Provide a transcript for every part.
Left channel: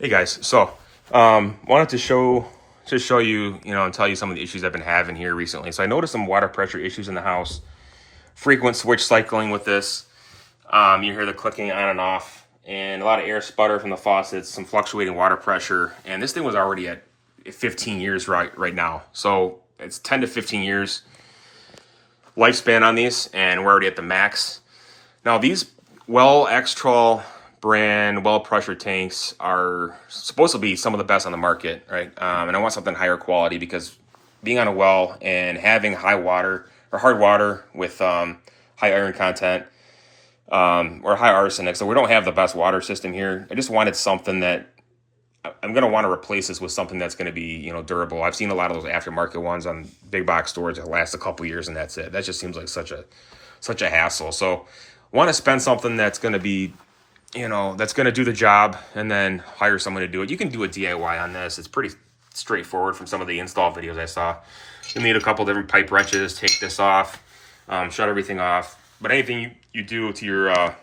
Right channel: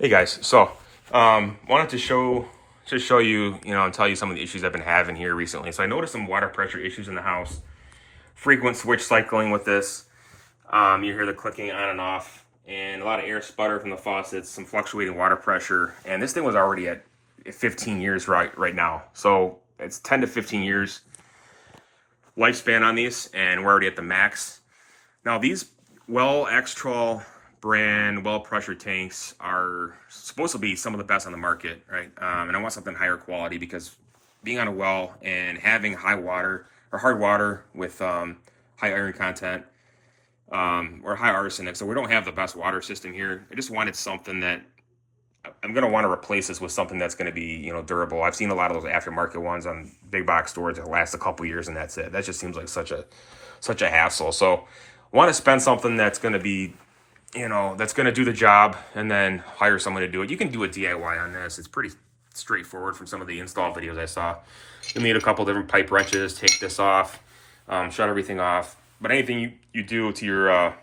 Hey guys, so wanted to show you, and tell you some of the issues I've been having here recently. So I noticed some water pressure issues in the house, frequent switch cycling with this. You hear the clicking on and off, and a lot of air sputter from the faucets, some fluctuating water pressure, and this thing was already at 15 years right now. So it's 10 to 15 years lifespan on these, and we're already at the max. Now these Well X-Trol brand well pressure tanks are supposed to be some of the best on the market, right? And I want something higher quality because being on a well and having high water or hard water with high iron content or high arsenic, so we don't have the best water system here. I just wanted something that I'm going to want to replace this with something that's going to be, durable. I've seen a lot of those aftermarket ones on big box stores that last a couple years and that's it. That just seems like such a hassle. So I want to spend something that's going to be, that's going to do the job and then hire someone to do it. You can do a DIY on this. It's pretty straightforward from some of the install videos I saw. You'll need a couple different pipe wrenches, take this off, shut everything off. But anything you do to your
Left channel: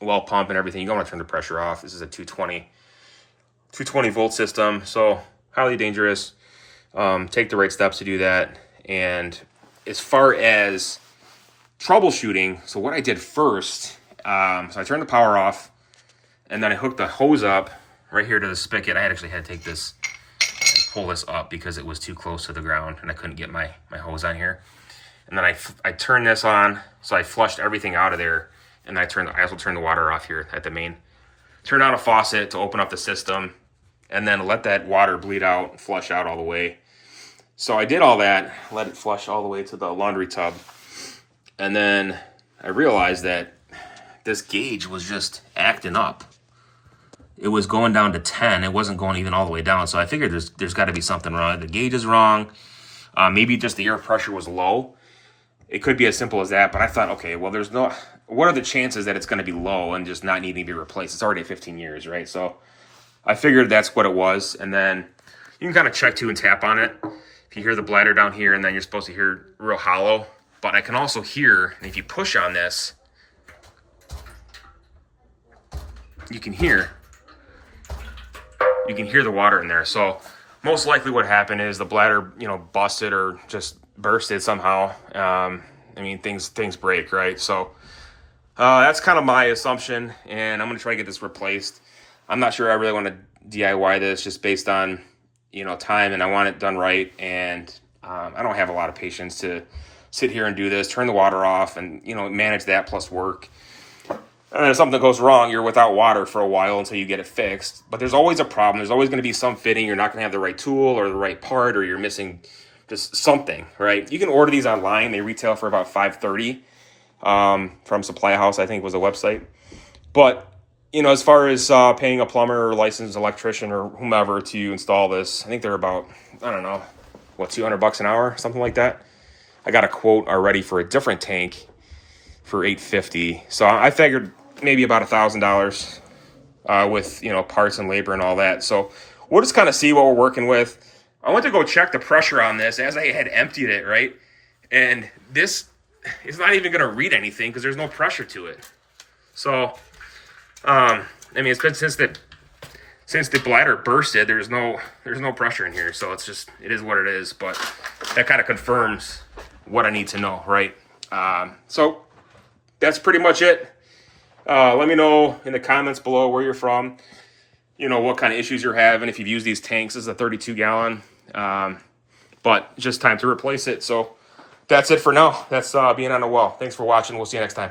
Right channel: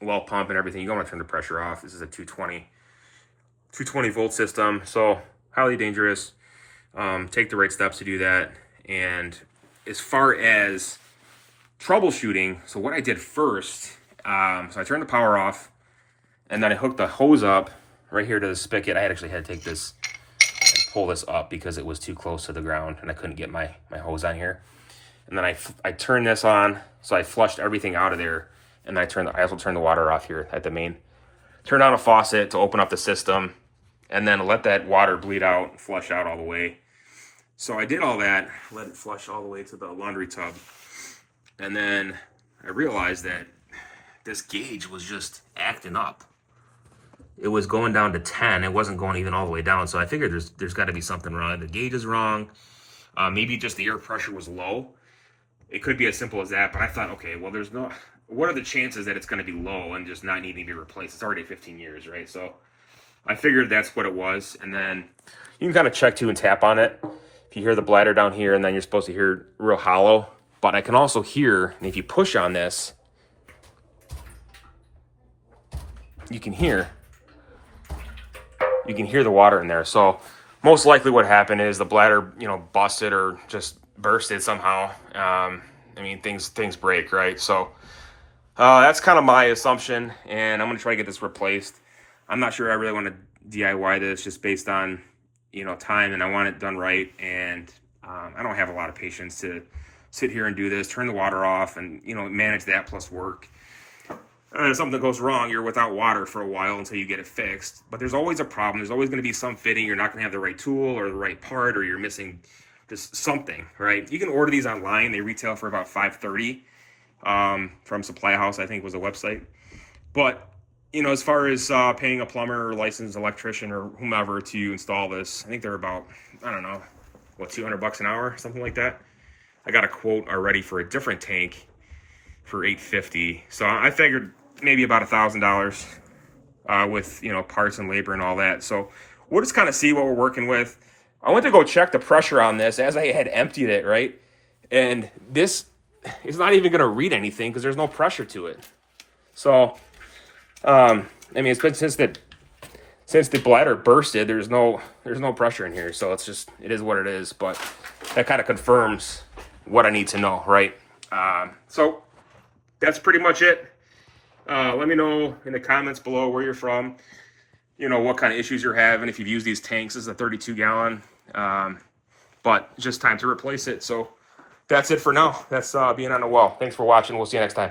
well pump and everything, you don't want to turn the pressure off. This is a 220 volt system, so highly dangerous. Take the right steps to do that. And as far as troubleshooting, so what I did first, so I turned the power off, and then I hooked the hose up right here to the spigot. I actually had to take this and pull this up because it was too close to the ground, and I couldn't get my hose on here. And then I turned this on, so I flushed everything out of there, and I also turned the water off here at the main. Turn on a faucet to open up the system, and then let that water bleed out, flush out all the way. So I did all that, let it flush all the way to the laundry tub, and then I realized that this gauge was just acting up. It was going down to 10. It wasn't going even all the way down. So I figured there's got to be something wrong. The gauge is wrong. Maybe just the air pressure was low. It could be as simple as that. But I thought, okay, well, what are the chances that it's going to be low and just not needing to be replaced? It's already 15 years, right? So I figured that's what it was. And then you can kind of check too and tap on it. If you hear the bladder down here, and then you're supposed to hear real hollow. But I can also hear, and if you push on this, you can hear the water in there. So most likely what happened is the bladder, busted or just bursted somehow. Things break, right? So that's kind of my assumption, and I'm going to try to get this replaced. I'm not sure I really want to DIY this just based on, time, and I want it done right. And I don't have a lot of patience to sit here and do this, turn the water off and, manage that plus work. And if something goes wrong, you're without water for a while until you get it fixed. But there's always a problem. There's always going to be some fitting. You're not going to have the right tool or the right part, or you're missing just something, right? You can order these online. They retail for about $5.30 from Supply House, I think was a website. But, as far as paying a plumber or licensed electrician or whomever to install this, I think they're about, $200 an hour, something like that. I got a quote already for a different tank for $850. So I figured maybe about $1,000 with parts and labor and all that. So we'll just kind of see what we're working with. I went to go check the pressure on this as I had emptied it, right? And this is not even going to read anything because there's no pressure to it. So it's been since the bladder bursted, there's no pressure in here. So it is what it is. But that kind of confirms what I need to know, right? So that's pretty much it. Let me know in the comments below where you're from, what kind of issues you're having, if you've used these tanks. This is a 32 gallon, but just time to replace it. So that's it for now. That's being on a well. Thanks for watching. We'll see you next time.